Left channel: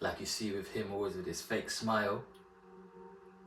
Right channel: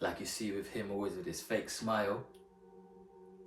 like you see with him always with his fake smile,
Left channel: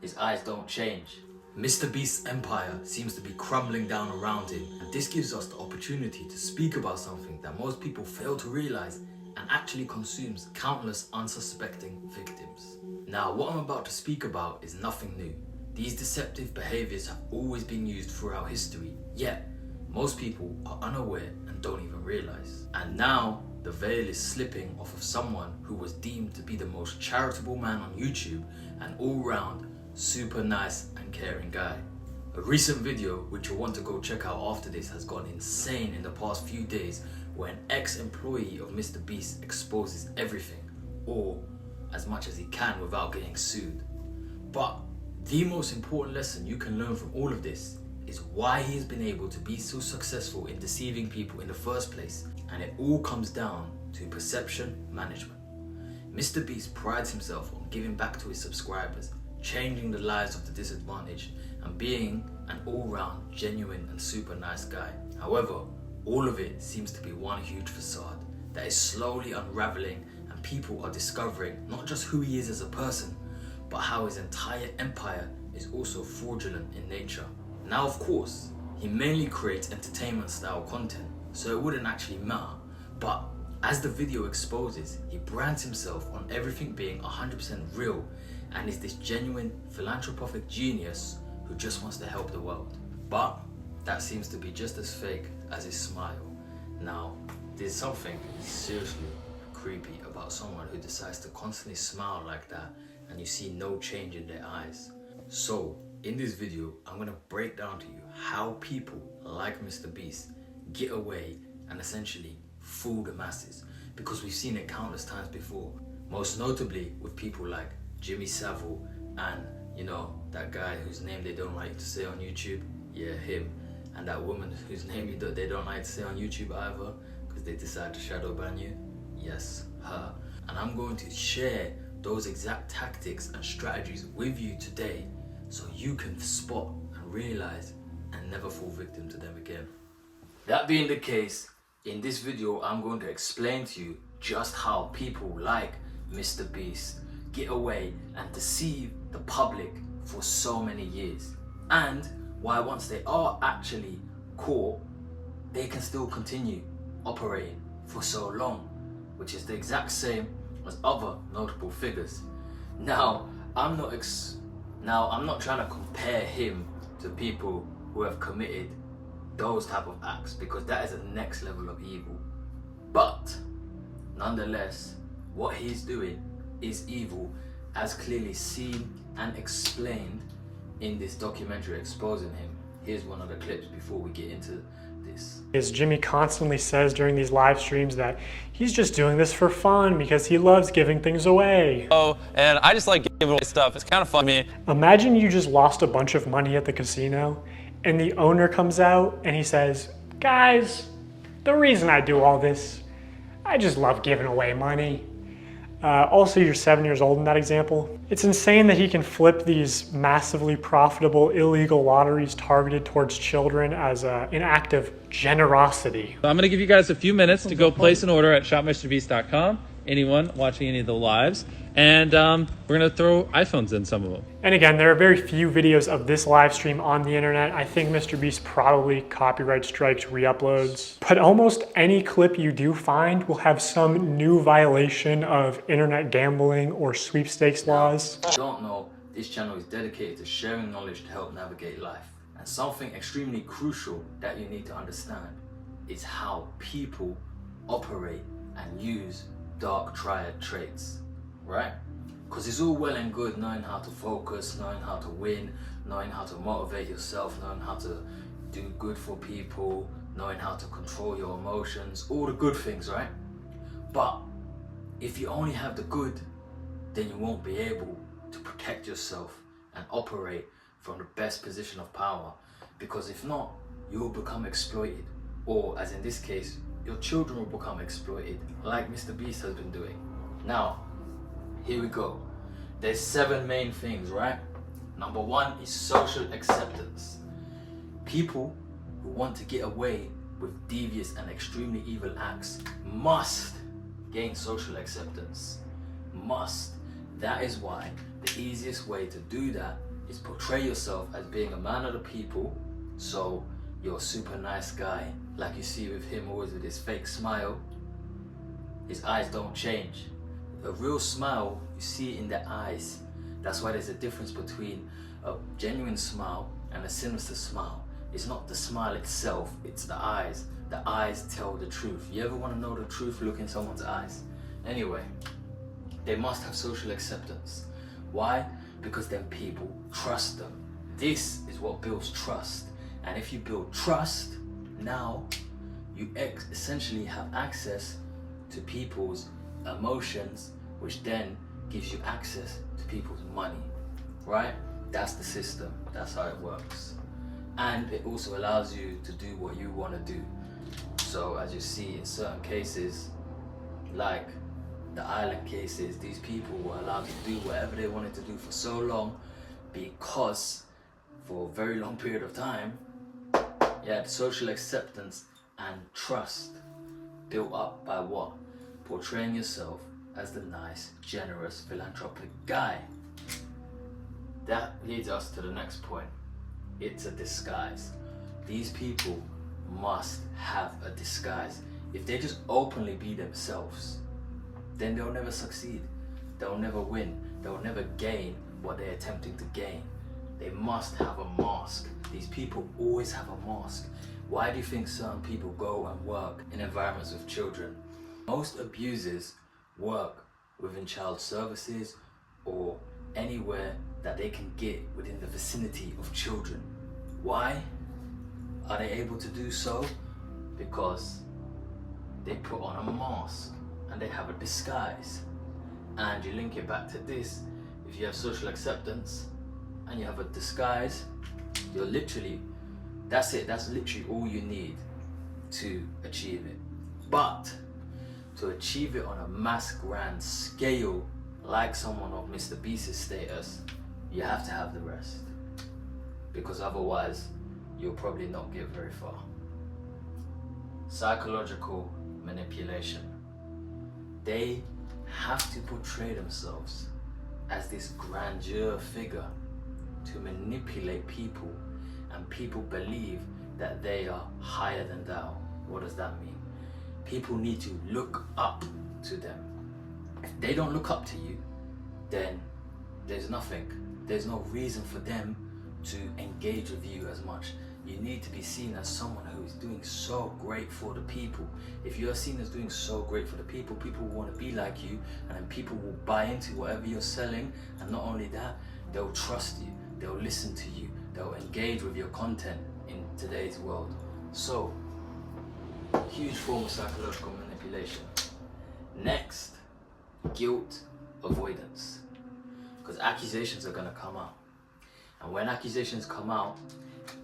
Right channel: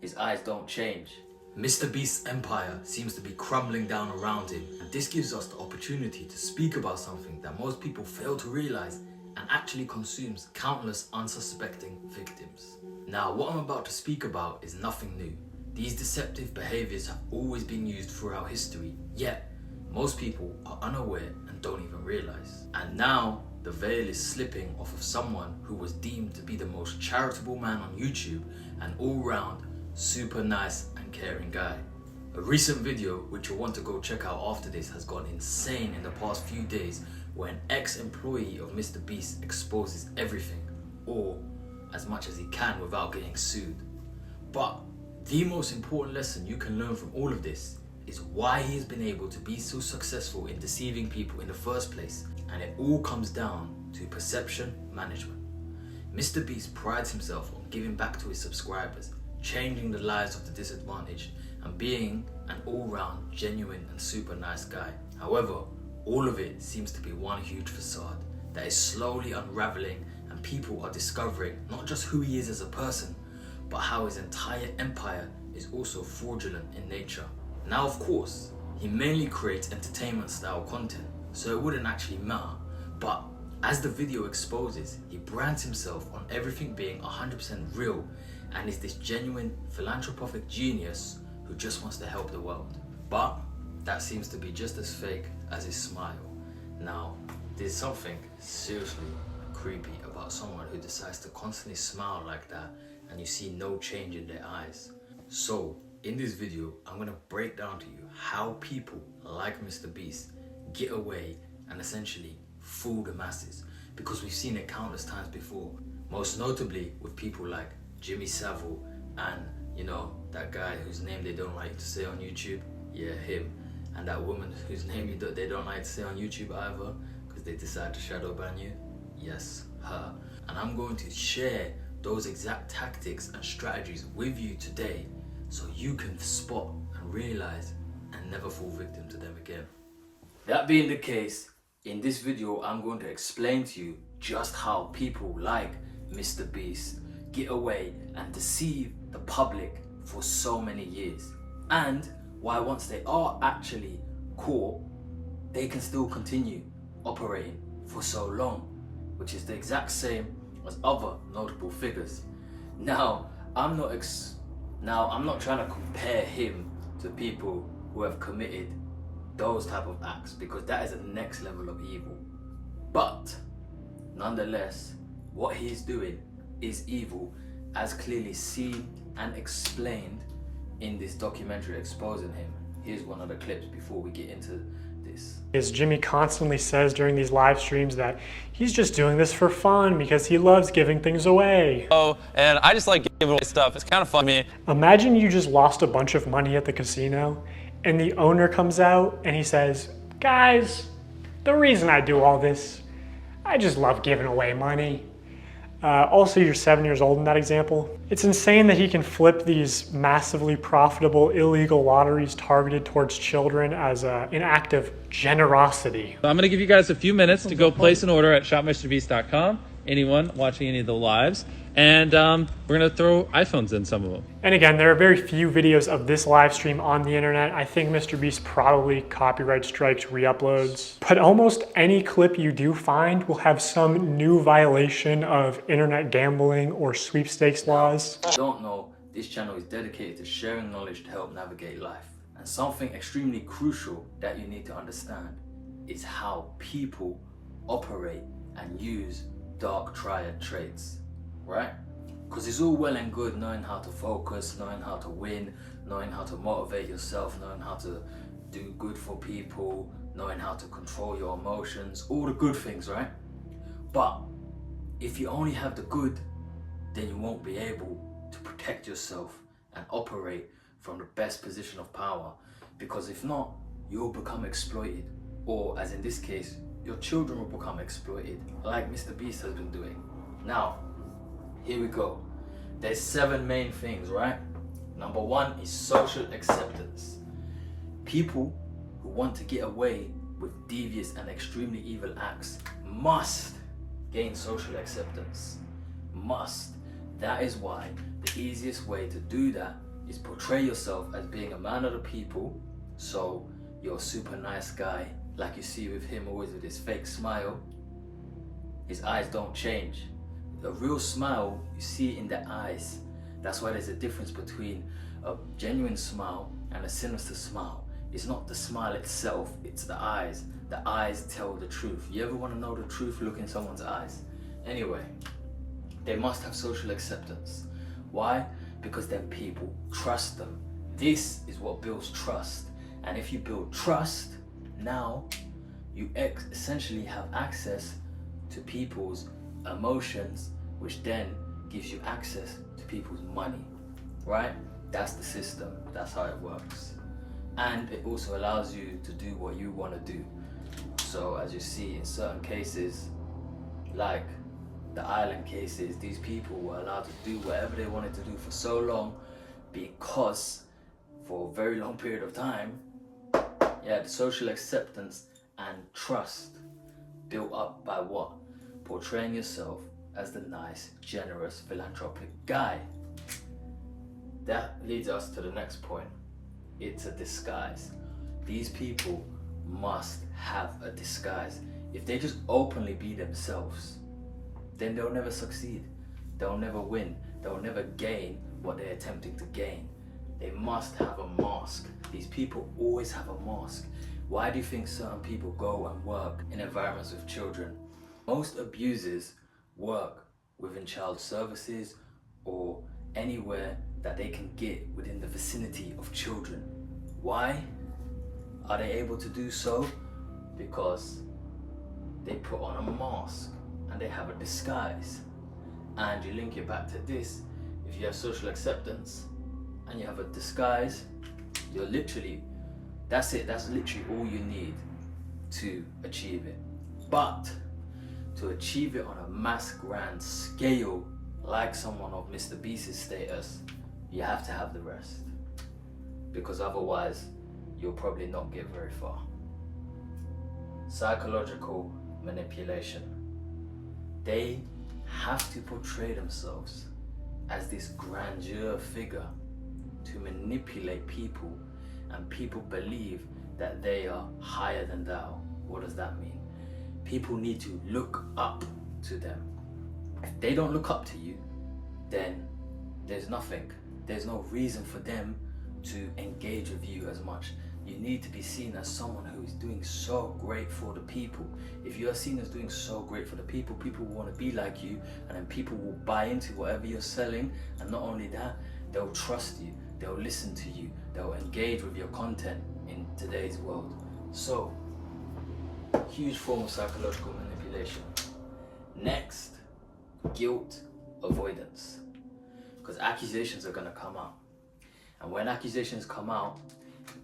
his eyes don't change. Mr. Beast's empire seems to be crumbling down around him, and this gives us the opportunity to speak about something that most people fail to realize and actually consumes countless unsuspecting victims. Now, what I'm about to speak about is nothing new. These deceptive behaviors have always been used throughout history, yet most people are unaware and don't even realize. And now the veil is slipping off of someone who was deemed to be the most charitable man on YouTube and all-round super nice and caring guy. A recent video, which you'll want to go check out after this, has gone insane in the past few days, where an ex-employee of Mr. Beast exposes everything, or as much as he can without getting sued. But the most important lesson you can learn from all of this is why he has been able to be so successful in deceiving people in the first place, and it all comes down to perception management. Mr. Beast prides himself on giving back to his subscribers, changing the lives of the disadvantaged, and being an all-round genuine and super nice guy. However, all of it seems to be one huge facade that is slowly unraveling, and people are discovering not just who he is as a person, but how his entire empire is also fraudulent in nature. Now, of course, he mainly creates entertainment style content, so it wouldn't actually matter, but as the video exposes, he brands himself on everything being 100% real and is this genuine philanthropic genius who just wants to help the world. But that seems to be just as fake as his smile. Now, there's something seriously creepy about someone who decides to constantly smile like that and you see no change in their eyes. So, in this video, I'm gonna break down to you how people like Mr. Beast get away and essentially fool the masses, because we've seen it countless times before, most notably with people like Jimmy Savile and, you know, that guy whose name they don't like to say on YouTube, yeah, him, and that woman whose name they don't like to say on YouTube either because they decide to shadow ban you, yes, her. And I'm going to share those exact tactics and strategies with you today so you can spot and realize and never fall victim to them again. That being the case, in this video I'm going to explain to you just how people like Mr. Beast get away and deceive the public for so many years, and why once they are actually caught, they can still continue operating for so long, which is the exact same as other notable figures. Now, I'm not trying to compare him to people who have committed those type of acts, because that is the next level of evil. But nonetheless, what he's doing is evil, as clearly seen and explained in this documentary exposing him. Here's one of the clips before we get into this. As Jimmy constantly says during these live streams that he's just doing this for fun because he loves giving things away. Oh, and I just like giving away stuff. It's kind of fun to me. Imagine you just lost a bunch of money at the casino and the owner comes out and he says, guys, the reason I do all this, I just love giving away money. Also, you're 7 years old in that example. It's insane that he can flip these massively profitable illegal lotteries targeted towards children as an act of generosity. I'm going to give you guys a few minutes to go place an order at shopmrbeast.com. Anyone watching any of the lives. And we're going to throw iPhones in some of them. And again, there are very few videos of this live stream on the internet. I think Mr. Beast probably copyright strikes re-uploads. But almost any clip you do find will have some new violation of internet gambling or sweepstakes laws. If you don't know, this channel is dedicated to sharing knowledge to help navigate life. And something extremely crucial that you need to understand is how people operate and use dark triad traits. Right? Because it's all well and good knowing how to focus, knowing how to win, knowing how to motivate yourself, knowing how to do good for people, knowing how to control your emotions, all the good things, right? But if you only have the good, then you won't be able to protect yourself and operate from the best position of power. Because if not, you will become exploited, or as in this case, your children will become exploited, like Mr. Beast has been doing. Now, here we go. There's 7 main things, right? Number 1 is social acceptance. People who want to get away with devious and extremely evil acts must gain social acceptance. Must. That is why the easiest way to do that is portray yourself as being a man of the people. So you're a super nice guy, like you see with him always with his fake smile. His eyes don't change. A real smile, you see in the eyes. That's why there's a difference between a genuine smile and a sinister smile. It's not the smile itself, it's the eyes. The eyes tell the truth. You ever want to know the truth? Look in someone's eyes. Anyway, they must have social acceptance. Why? Because then people trust them. This is what builds trust. And if you build trust, now you essentially have access to people's emotions, which then gives you access to people's money, right? That's the system. That's how it works. And it also allows you to do what you want to do. So as you see in certain cases, like the island cases, these people were allowed to do whatever they wanted to do for so long because for a very long period of time, you had social acceptance and trust built up by what? Portraying yourself as the nice, generous, philanthropic guy. That leads us to the next point. It's a disguise. These people must have a disguise. If they just openly be themselves, then they'll never succeed. They'll never win. They'll never gain what they're attempting to gain. They must have a mask. These people always have a mask. Why do you think certain people go and work in environments with children? Most abusers work within child services or anywhere that they can get within the vicinity of children. Why are they able to do so? Because they put on a mask and they have a disguise. And you link it back to this, if you have social acceptance and you have a disguise, you're literally, that's it, that's literally all you need to achieve it. But to achieve it on a mass grand scale, like someone of Mr. Beast's status, you have to have the rest. Because otherwise, you'll probably not get very far. Psychological manipulation. They have to portray themselves as this grandeur figure to manipulate people, and people believe that they are higher than thou. What does that mean? People need to look up to them. If they don't look up to you, then there's nothing. There's no reason for them to engage with you as much. You need to be seen as someone who is doing so great for the people. If you are seen as doing so great for the people, people will want to be like you, and then people will buy into whatever you're selling. And not only that, they'll trust you, they'll listen to you, they'll engage with your content in today's world. So, huge form of psychological manipulation. Next, guilt avoidance. Because accusations are going to come out. And when accusations come out,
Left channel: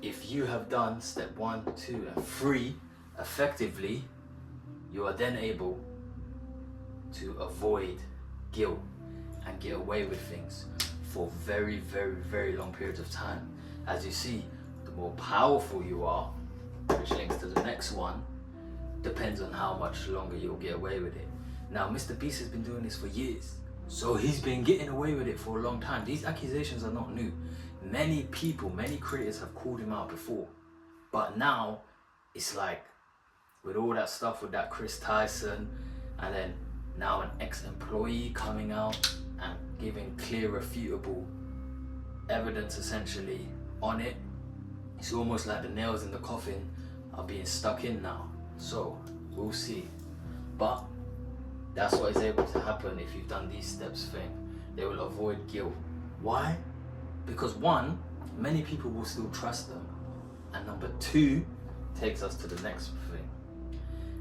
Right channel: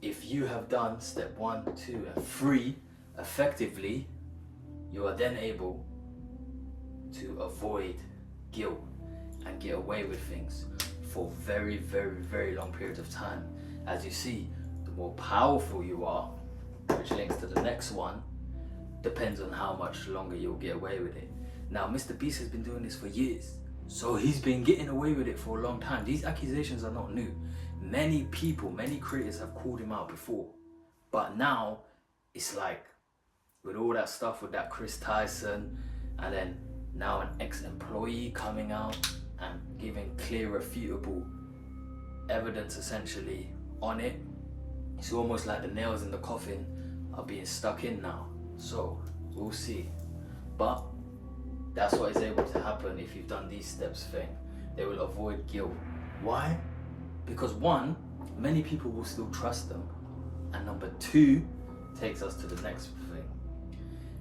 if you have done step 1, 2, and 3 effectively, you are then able to avoid guilt and get away with things for very, very, very long periods of time. As you see, the more powerful you are, which links to the next one, depends on how much longer you'll get away with it. Now, Mr. Beast has been doing this for years, so he's been getting away with it for a long time. These accusations are not new. Many people, many creators have called him out before, but now it's like with all that stuff with that Chris Tyson, and then now an ex-employee coming out and giving clear, refutable evidence essentially on it. It's almost like the nails in the coffin are being stuck in now. So we'll see. But that's what is able to happen if you've done these steps thing. They will avoid guilt. Why? Because 1, many people will still trust them. And number 2 takes us to the next thing.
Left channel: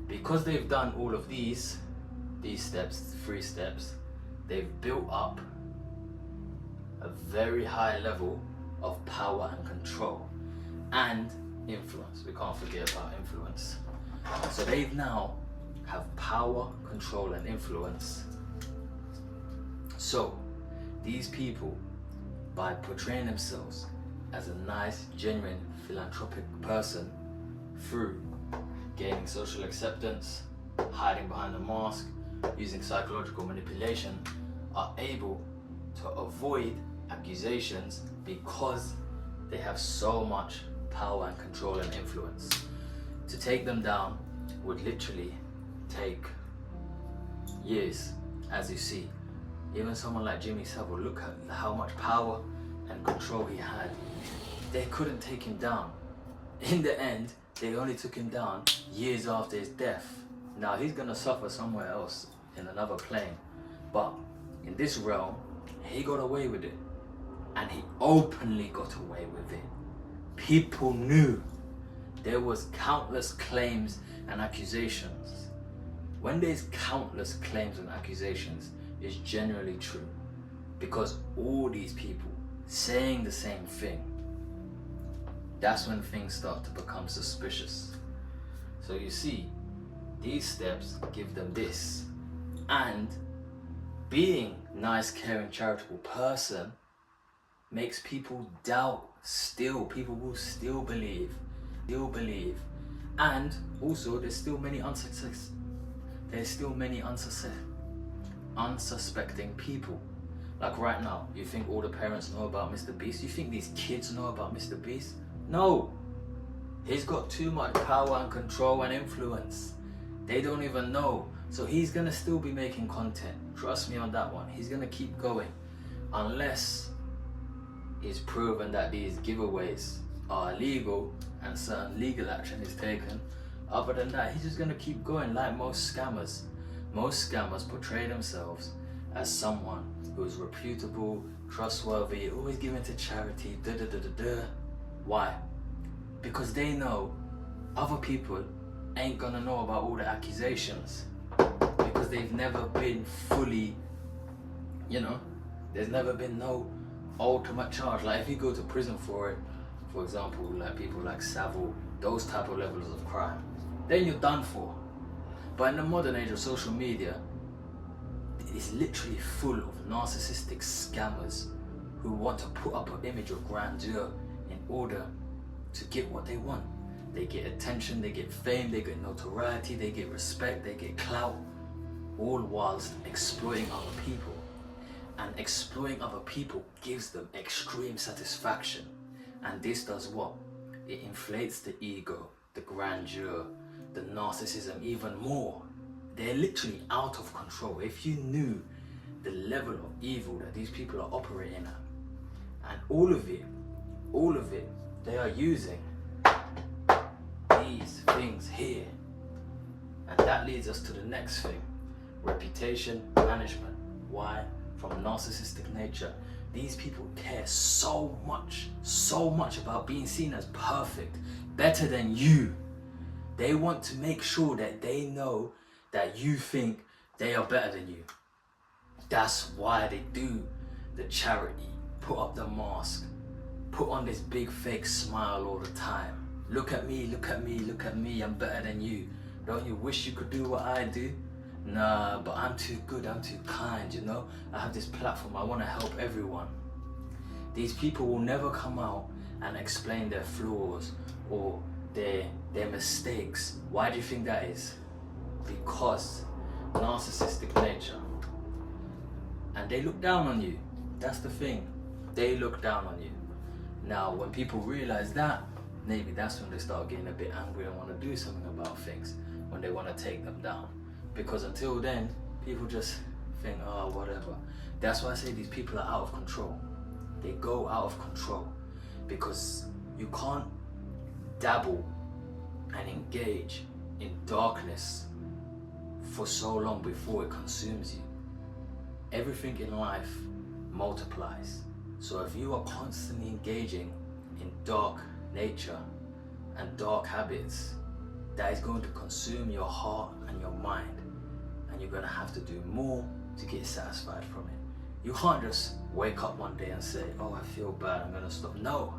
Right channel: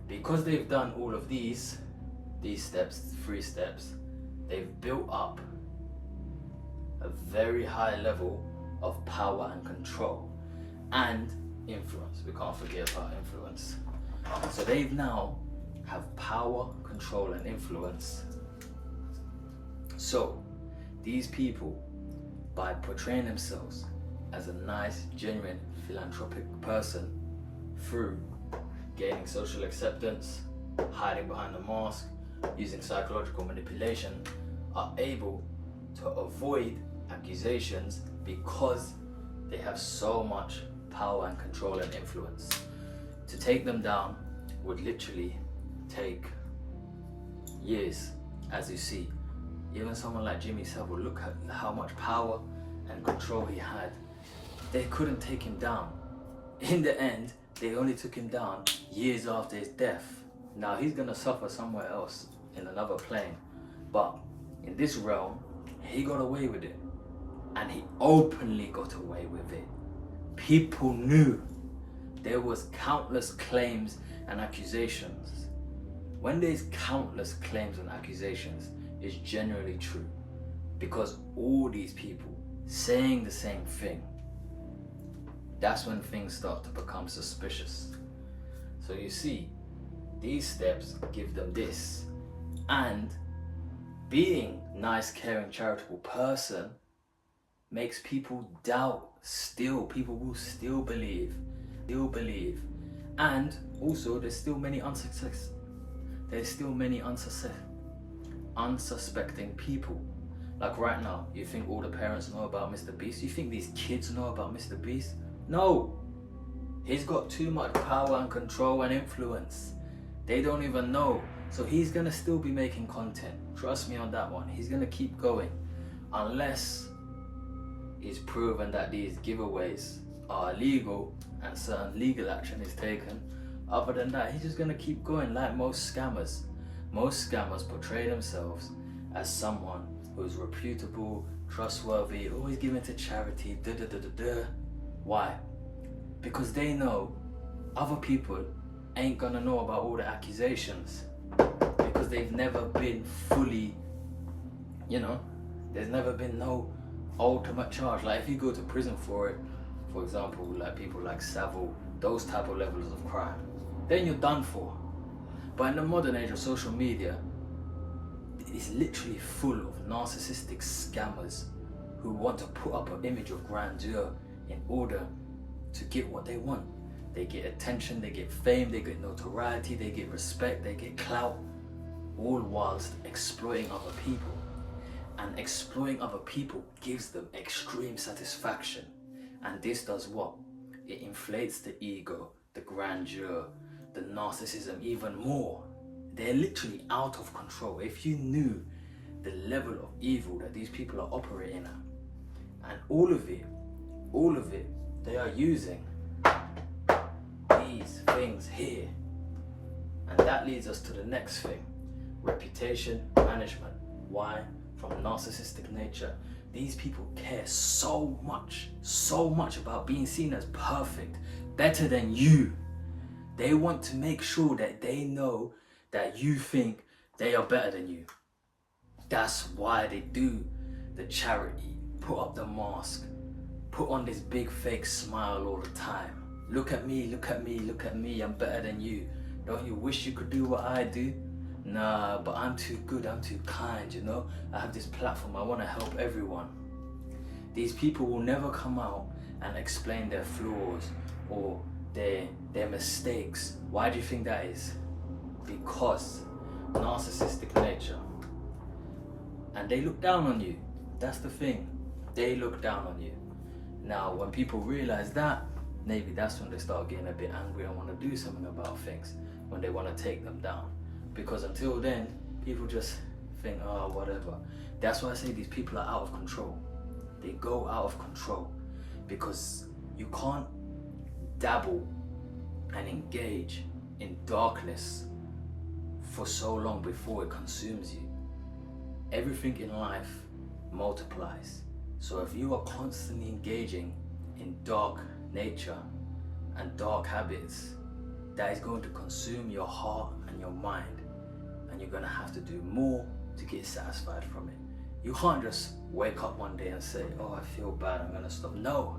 Because they've done all of these steps, 3 steps, they've built up a very high level of power and control and influence. We can't forget about influence. So they've now have power, control, and influence. So these people, by portraying themselves as a nice, genuine, philanthropic person through gaining social acceptance, hiding behind a mask, using psychological manipulation, are able to avoid accusations because they have so much power and control and influence. To take them down would literally take years, as you see. Even someone like Jimmy Savile, look at how much power and control he had. They couldn't take him down. In the end, they only took him down years after his death. Now he's gonna suffer somewhere else in another plane. But in this realm, he got away with it. And he openly got away with it. People knew. There was countless claims and accusations. When there's countless claims and accusations, it's generally true. Because all these people saying the same thing, that's when things start to become suspicious. So you see, these steps give them this. And being nice, caring, charitable person makes people doubt still. People will still believe. And also there's still many unsuspecting people. Like right now, you think all the parents know about Mr. Beast? You think these kids know about Mr. Beast? No. He's got too much power and control and influence. They don't even know. So he's gonna still be making content. Trust me on that one. He's gonna keep going. Unless it's proven that these giveaways are illegal and certain legal action is taken. Other than that, he's just gonna keep going like most scammers. Most scammers portray themselves as someone who's reputable, trustworthy, always giving to charity, Why? Because they know other people ain't gonna know about all the accusations. Because they've never been fully, there's never been no ultimate charge. Like if you go to prison for it, for example, like people like Savile, those type of levels of crime, then you're done for. But in the modern age of social media, it's literally full of narcissistic scammers who want to put up an image of grandeur in order to get what they want. They get attention, they get fame, they get notoriety, they get respect, they get clout, all whilst exploiting other people. And exploiting other people gives them extreme satisfaction. And this does what? It inflates the ego, the grandeur, the narcissism even more. They're literally out of control. If you knew the level of evil that these people are operating at, and all of it, they are using these things here. And that leads us to the next thing, reputation management. Why? From narcissistic nature. These people care so much about being seen as perfect, better than you. They want to make sure that they know that you think they are better than you. That's why they do the charity, put up the mask, put on this big fake smile all the time. Look at me, look at me, look at me, I'm better than you. Don't you wish you could do what I do? Nah, but I'm too good, I'm too kind, I have this platform, I want to help everyone. These people will never come out and explain their flaws or their mistakes. Why do you think that is? Because narcissistic nature. And they look down on you. That's the thing. They look down on you. Now, when people realize that, maybe that's when they start getting a bit angry and want to do something about things, when they want to take them down. Because until then, people just think, oh, whatever. That's why I say these people are out of control. They go out of control because you can't dabble and engage in darkness for so long before it consumes you. Everything in life multiplies. So if you are constantly engaging in dark nature and dark habits, that is going to consume your heart and your mind, and you're going to have to do more to get satisfied from it. You can't just wake up one day and say, oh, I feel bad, I'm going to stop. No.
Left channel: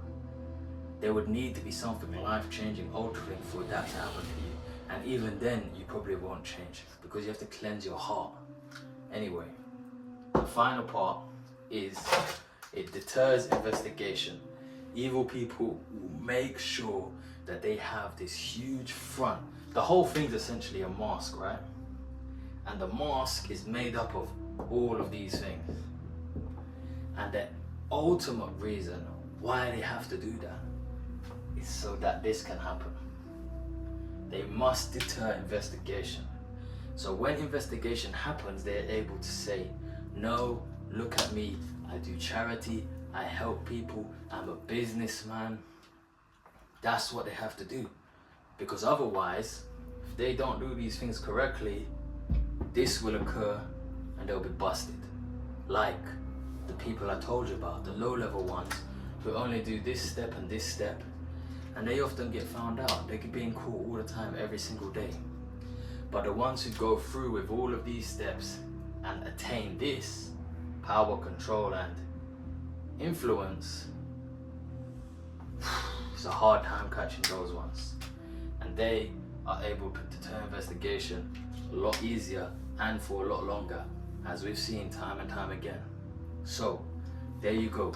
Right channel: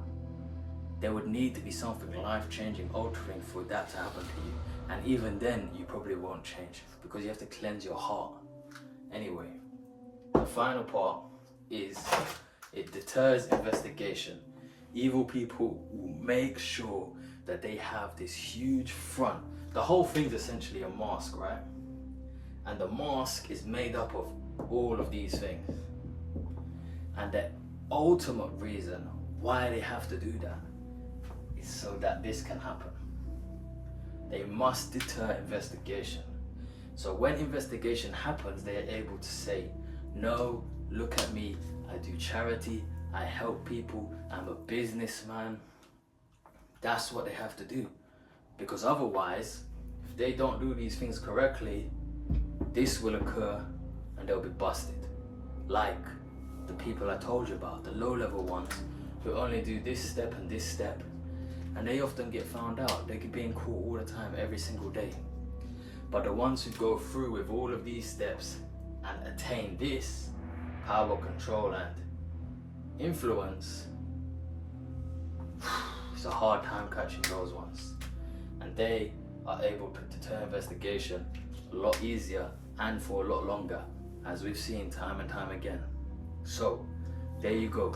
There would need to be something life-changing, altering for that to happen to you. And even then, you probably won't change because you have to cleanse your heart. Anyway, the final part is it deters investigation. Evil people will make sure that they have this huge front. The whole thing's essentially a mask, right? And the mask is made up of all of these things. And the ultimate reason why they have to do that is so that this can happen. They must deter investigation. So when investigation happens, they're able to say, no, look at me, I do charity, I help people, I'm a businessman. That's what they have to do. Because otherwise, if they don't do these things correctly, this will occur and they'll be busted. Like the people I told you about, the low-level ones who only do this step and this step, and they often get found out. They get being caught all the time, every single day. But the ones who go through with all of these steps and attain this power, control, and influence, it's a hard time catching those ones. And they are able to deter investigation a lot easier and for a lot longer, as we've seen time and time again. So, there you go.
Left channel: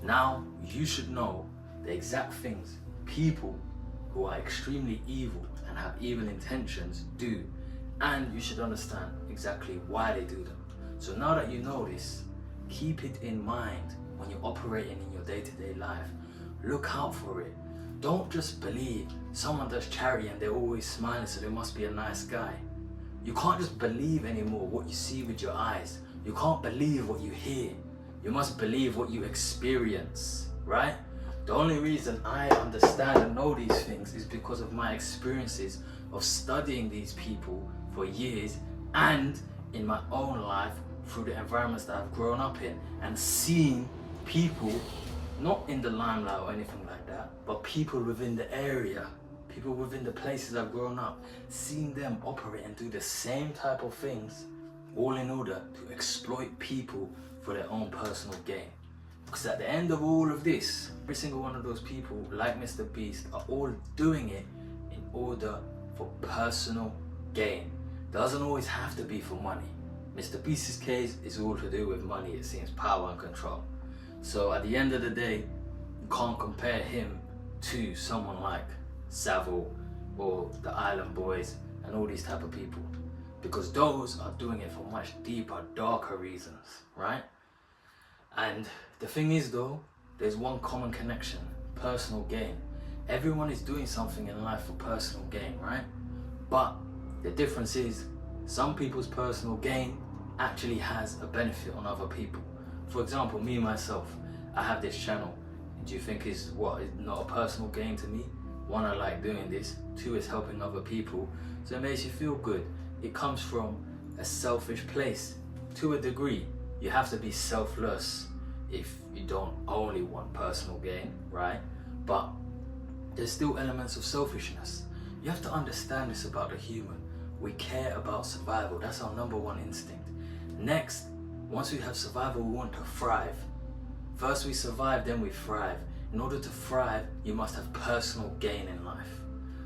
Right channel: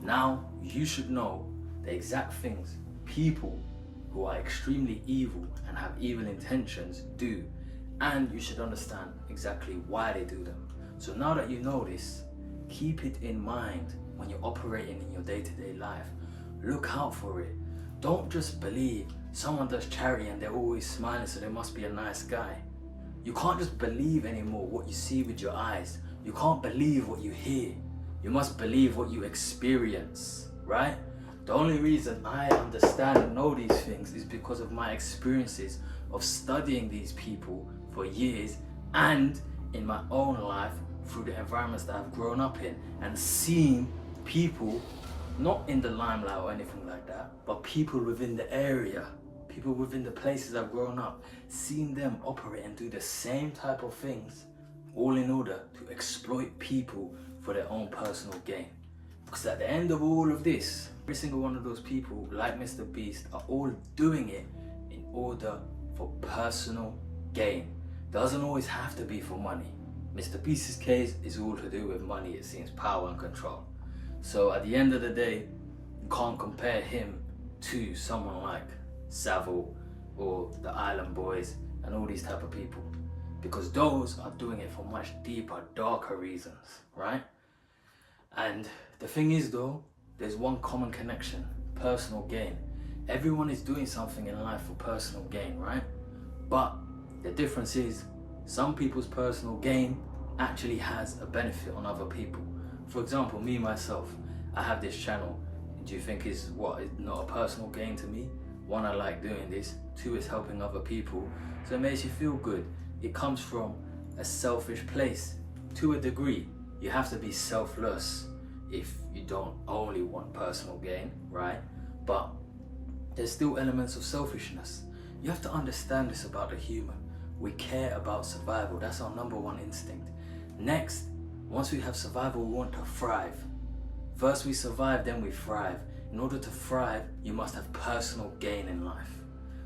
Now, you should know the exact things people who are extremely evil and have evil intentions do, and you should understand exactly why they do them. So now that you know this, keep it in mind when you're operating in your day-to-day life. Look out for it. Don't just believe someone does charity and they're always smiling, so they must be a nice guy. You can't just believe anymore what you see with your eyes. You can't believe what you hear. You must believe what you experience, right? The only reason I understand and know these things is because of my experiences of studying these people for years, and in my own life through the environments that I've grown up in, and seeing people, not in the limelight or anything like that, but people within the area, people within the places I've grown up, seeing them operate and do the same type of things, all in order to exploit people for their own personal gain. Because at the end of all of this, every single one of those people, like Mr. Beast, are all doing it in order for personal gain. Doesn't always have to be for money. Mr. Beast's case is all to do with money, it seems, power and control. So at the end of the day, you can't compare him to someone like Savile or the Island Boys and all these type of people, because those are doing it for much deeper, darker reasons, right? And the thing is though, there's one common connection: personal gain. Everyone is doing something in life for personal gain, right? But the difference is, some people's personal gain actually has a benefit on other people. For example, me myself, I have this channel. Do you think is not a personal gain to me? One, I like doing this. Two, it's helping other people. So it makes you feel good. It comes from a selfish place to a degree. You have to be selfless if you don't only want personal gain, right? But there's still elements of selfishness. You have to understand this about the human. We care about survival. That's our number one instinct. Next, once we have survival, we want to thrive. First we survive, then we thrive. In order to thrive, you must have personal gain in life.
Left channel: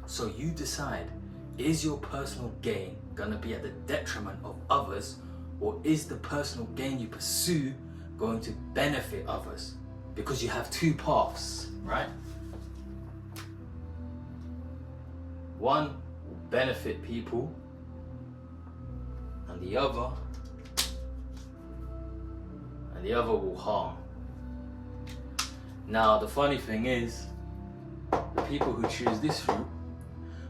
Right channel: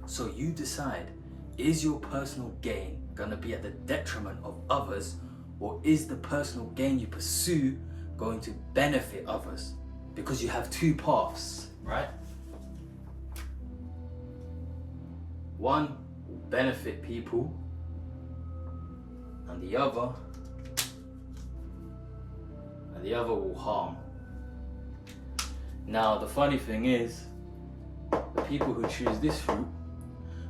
So you decide, is your personal gain gonna be at the detriment of others, or is the personal gain you pursue going to benefit others? Because you have two paths, right? One will benefit people, and the other will harm. Now the funny thing is, the people who choose this route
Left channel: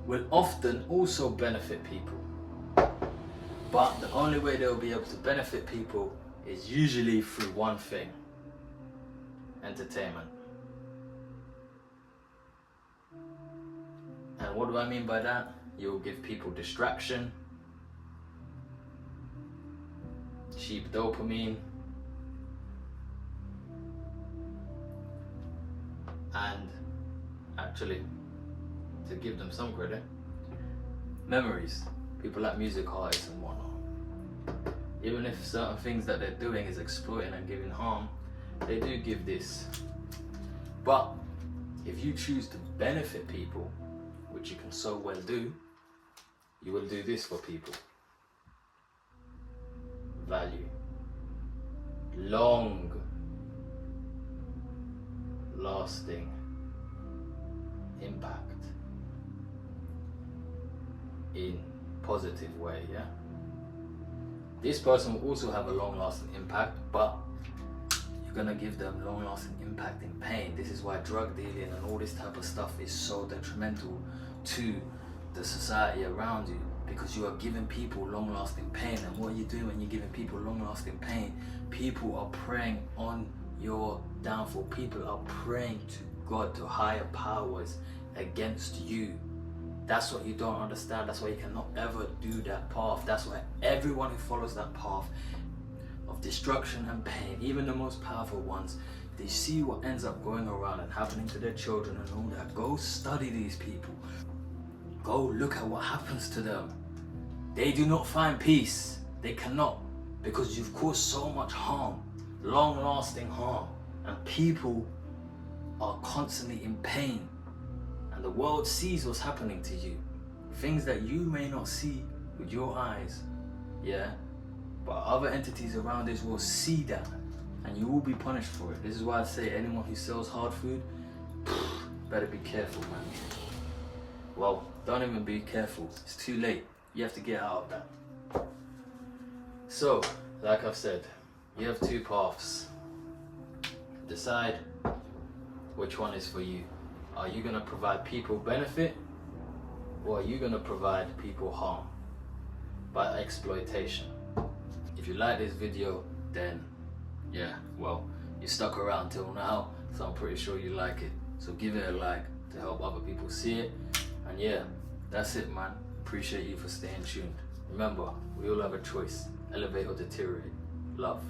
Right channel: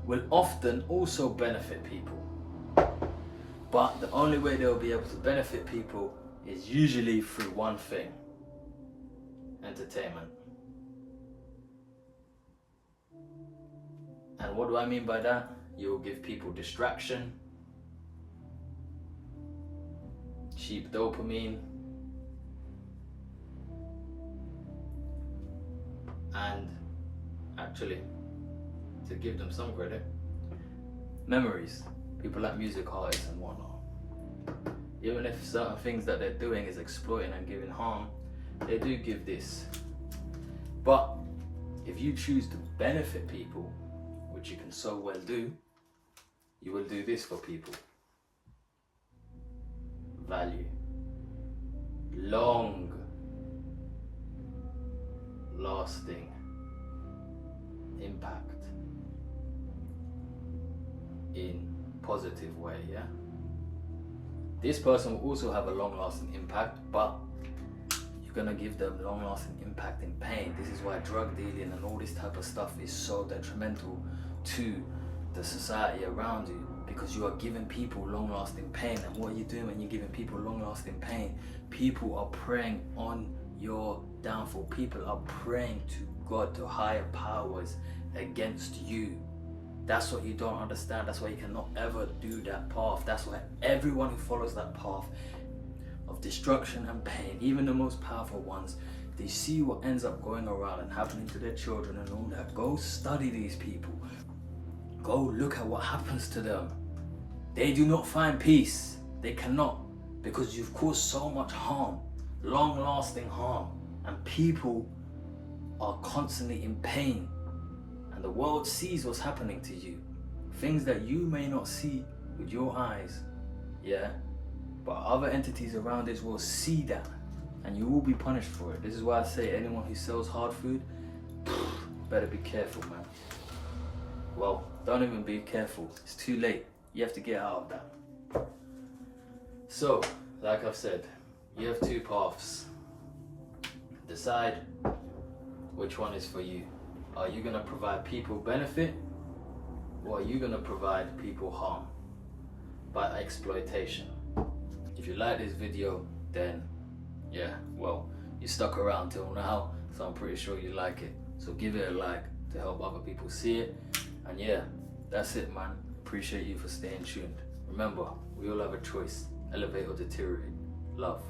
will often also benefit people, but the only way they'll be able to benefit people is usually through one thing: entertainment. And what do I mean by that? You'll give people distraction, cheap dopamine, and actually, to give them some credit, memories. People like music artists and whatnot. Even if certain things that they're doing is exploiting and giving harm, they do give this. But if you choose to benefit people, which you can so well do, you will do this for people. Value. Long lasting impact in positive way, yeah? This person will also have a long-lasting impact, but you're gonna give them long-lasting impact in pain. This is why drug dealing and all this type of stuff is so detrimental to the society around you, because you are giving people long-lasting pain. And what you're doing when you're giving people long-lasting pain, people are preying on your downfall. People are praying to God, to higher powers against you. That's what you don't understand. That's why you cannot ever do that path. That's why everyone who follows that path of destruction and pain, even the most powerful ones, they see what ends up going around and happening to their children and all that. Go study these people. Go look at what happens to them. They do not find peace. They cannot, because you've caused so much harm, long-lasting harm, and people are constantly in pain. And the world sees what's happening to you. Things that you may not see with your eyes, yeah? But other entities around this will see that, and you will be punished for it. This is why I say anyone who sells hard food, better be careful, man. Well, don't even be careful. It's too late. You have to get out of that. So, like I've said, you have two paths. Decide which one is for you. Are you gonna provide people benefit, or are you gonna provide people harm by exploitation? If you like this video, then yeah, well, you stuck around till now, so I'm pretty sure you like it. So give it a like to help other people see it. And yeah, that's it, man. Appreciate you for staying tuned. Remember, we all have a choice: elevate or deteriorate. Love.